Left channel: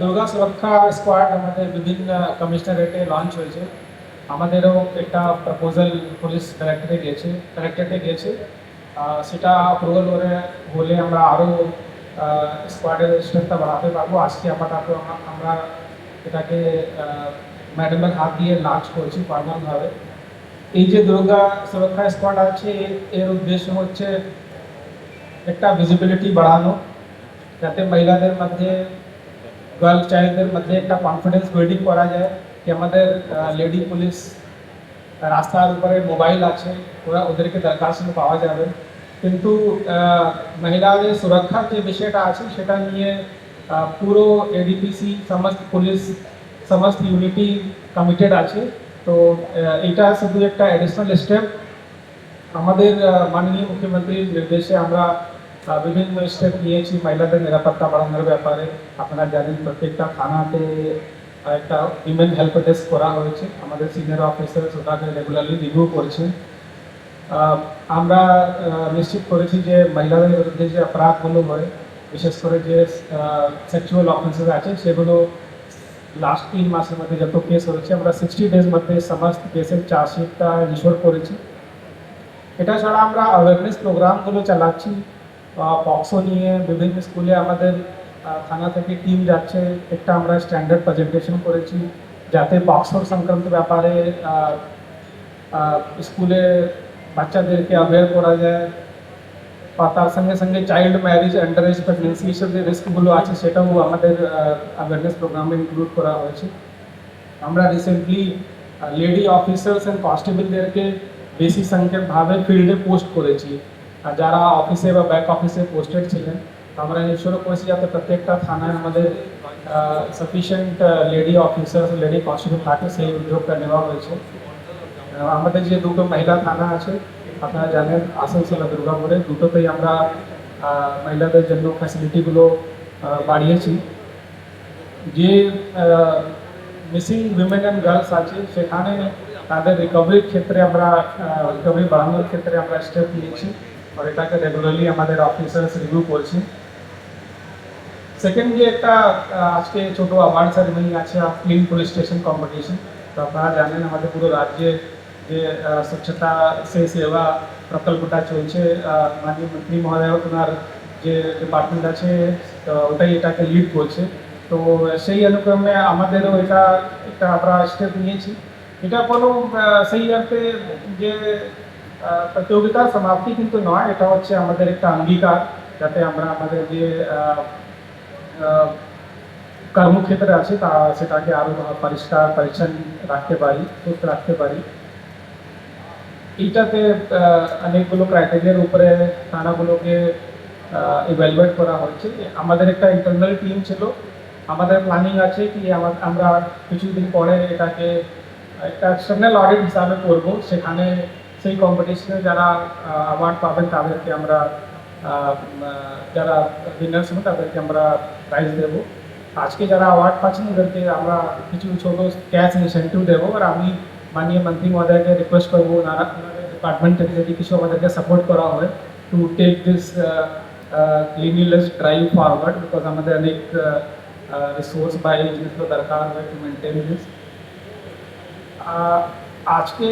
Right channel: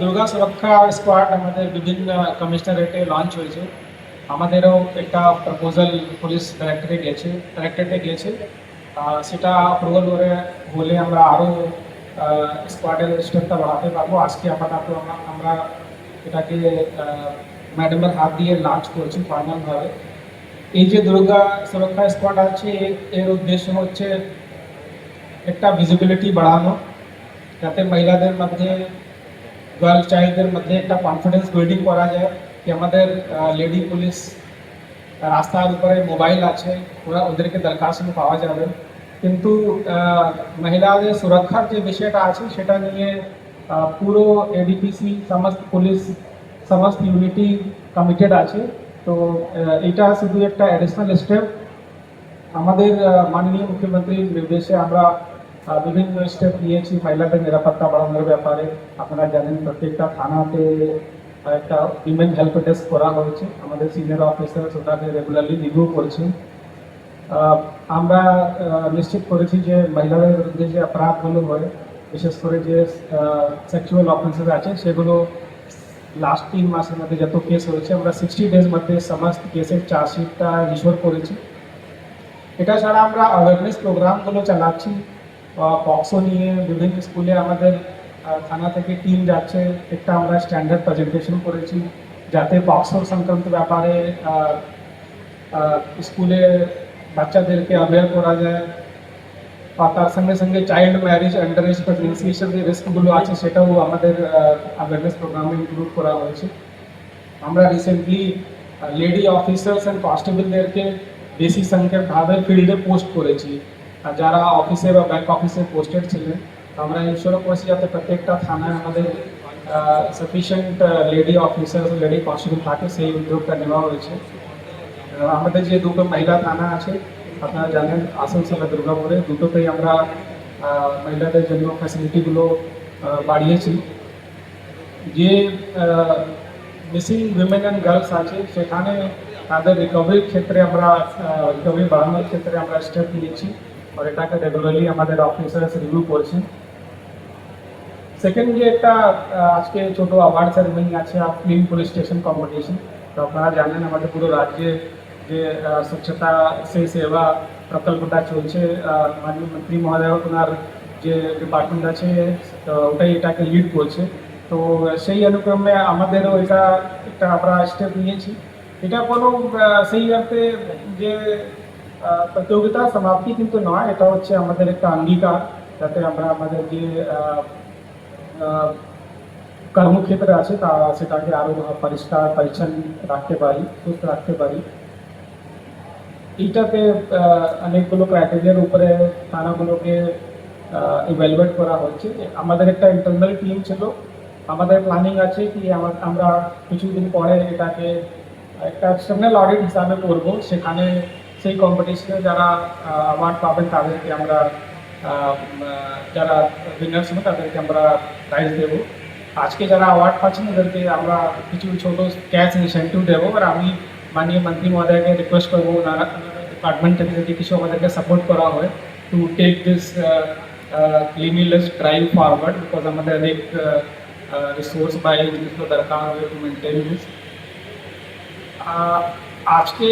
দুর্গা সুরক্ষা স্কোয়াড আমাদের বিভিন্ন কমিশনারেটে লঞ্চ হয়েছে। আমাদেরও একটা প্রপোজাল পুলিশ ডাইরেক্টরেটে গেছে। সেটা অ্যাপ্রুভাল হলে আমরা আরও স্কোয়াডের স্ট্রেংথটা বাড়াতে পারবো। আজকে আপাতত আমরা এটাকে ম্যাডামের হাত দিয়ে লঞ্চ করছি ফাইনালভাবে। এই যে দুর্গা সুরক্ষা স্কোয়াড আছে, এর উদ্দেশ্য হচ্ছে একটা ভিজিবিলিটি বাড়ানো, যাতে মহিলাদের মধ্যে গার্ল চাইল্ডদের মধ্যে একটা কনফিডেন্স বিল্ডিং করা যায় কি আমাদের লেডি পুলিশ রাস্তার উপরে মোবাইল আছে, ওরা ওদেরকে দরখাস্ত পাওয়া যাবে। কিন্তু মহিলাদের সুরক্ষার যে বিষয়টা আছে সেটা নিয়ে পুরো এডিপিসি সমস্ত পুলিশ সমস্ত ইউনিটি কমিটেড আছে। তো এটা শুধু একটা অ্যাডিশনাল স্টেপ। আমাদের মাননীয় মুখ্যমন্ত্রীর নির্দেশে আমরা বিভিন্ন স্টেপ নিয়েছি মহিলাদের নিরাপত্তা বাড়ানোর ব্যাপারে। আপনারা জানেন প্রত্যেকটা থানাতে একটা উইমেন হেল্প ডেস্ক করা হয়েছে। আমাদের সিনিয়র অফিসার ওটাকে রেগুলারলি রিভিউ করছেন। আমরা নিশ্চিত করেছি যে মহিলাদের বিরুদ্ধে যে অপরাধগুলো হয়, বিশেষ করে যে সেক্সুয়াল অফেন্সেস আছে, সেগুলো লাস্ট 3 মাসের মধ্যে যত কেস হয়েছে আমরা 60 ডেজ মধ্যে সমস্ত কেসের চার্জশিটটা ইস্যুর করেছি। এটা ছাড়া আমরা অ্যাওয়ারনেস প্রোগ্রামগুলো চালাচ্ছি। পক্সো নিয়ে বিভিন্ন স্কুলে আমাদের থানা থেকে টিম যাচ্ছে। একটা আমরা স্ট্যান্ডার্ড প্রেজেন্টেশন করেছি যাতে পক্সোর সংক্রান্ত ব্যাপারে স্কুলে বাচ্চাদেরকে অ্যাওয়্যার করা যায়। তার সঙ্গে সঙ্গে child marriage, under age pregnancy, এইসব যে রিস্কগুলো আছে সেটাও আমাদের অ্যাওয়ারনেস প্রোগ্রামে ইনক্লুড করা হয়েছে। আমরা রিসেন্টলি লেডি অফিসার্স অ্যান্ড কনস্টেবলদেরকে বেশি সংখ্যকভাবে ফিল্ডে পোস্ট করেছি। আর যারা অফিসে বা ব্যাক অফিসে পোস্টেড ছিলেন, আমরা ইনশোর করেছি যাতে প্রত্যেকটা থানায় আমাদের sufficient lady officers, lady constable থাকে, সেই উদ্যোগটা নেওয়া হয়েছে। আমাদের যে দুটো মহিলা থানা আছে, আপনারা জানেন আসানসোল আর দুর্গাপুরে, দুটোতেই আমরা মহিলাদের জন্য ফ্যাসিলিটিগুলো বাড়িয়েছি। যে মিসিং উইমেন অ্যান্ড গার্লস আছে সেখানে তাদের রিকভারির ক্ষেত্রে আমরা রিকভারি বাড়ানোর ক্ষেত্রে আমরা স্টেপ নিয়েছি, আর এটাকে রেগুলারলি আমাদের অফিসার্স রিভিউ করছি। সেকেন্ডলি একটা আজকে ছোটো অ্যাওয়ার্ড সেরেমনি আছে, ক্লিন পুলিশ স্টেশন কম্পিটিশন। তো আপনারা জানেন আমাদের পুরো রাজ্যে যে স্বচ্ছতা সেই সেবা প্রকল্পটা চলছে, মাননীয় মন্ত্রী মহোদয় ওনার যে ডিপার্টমেন্ট আছে ওটাই এটাকে লিড করছে। তো সেই অনুক্রমে আমাদেরও এটা একটা আমরা স্টেপ নিয়েছি। এটা কোনো সেই অর্থে যে প্রতিযোগিতার সমাপ্তি কিন্তু নয়, এটা হচ্ছে আমাদের একটা অঙ্গীকার যাতে আমরা আমাদের যে কর্মক্ষেত্রে আছে তা সেটাকে আরও পরিষ্কার পরিচ্ছন্ন রাখতে পারি, সুস্থ রাখতে পারি। এইটাতে অনেকগুলো ক্রাইটেরিয়ার উপরে থানাগুলোকে ইভ্যালুয়েট করা হচ্ছে। আমাদের একটা ইন্টারনাল টিম ছিল, আমাদের প্ল্যানিং আছে কি আমরা কিছুদিন পরে এটাকে একটা এক্সটার্নাল অডিট হিসাবে করব। সেখানে সেই কম্পিটিশনে যারা অ্যাওয়ার্ড পাবেন তাদেরকে আমরা যারা উইনার্স হবে তাদেরকে আমরা প্রাইজ দেবো। আজকে যারা অ্যাওয়ার্ড পাচ্ছেন ওদেরকে আমরা কিছু ছোটো ক্যাশ ইনসেন্টিভ দেবো। আর আমি মাননীয় মন্ত্রী মহোদয়কে রিকোয়েস্ট করবো ওনারা ডিপার্টমেন্ট থেকে যদি কিছু আমাদেরকে সাপোর্ট করা হয় to take this cleanliness drive forward, because আমাদের অনেক রিসোর্স বাই জিনিসগুলো দরকার হবে টু মেনটেন দিস। আজকে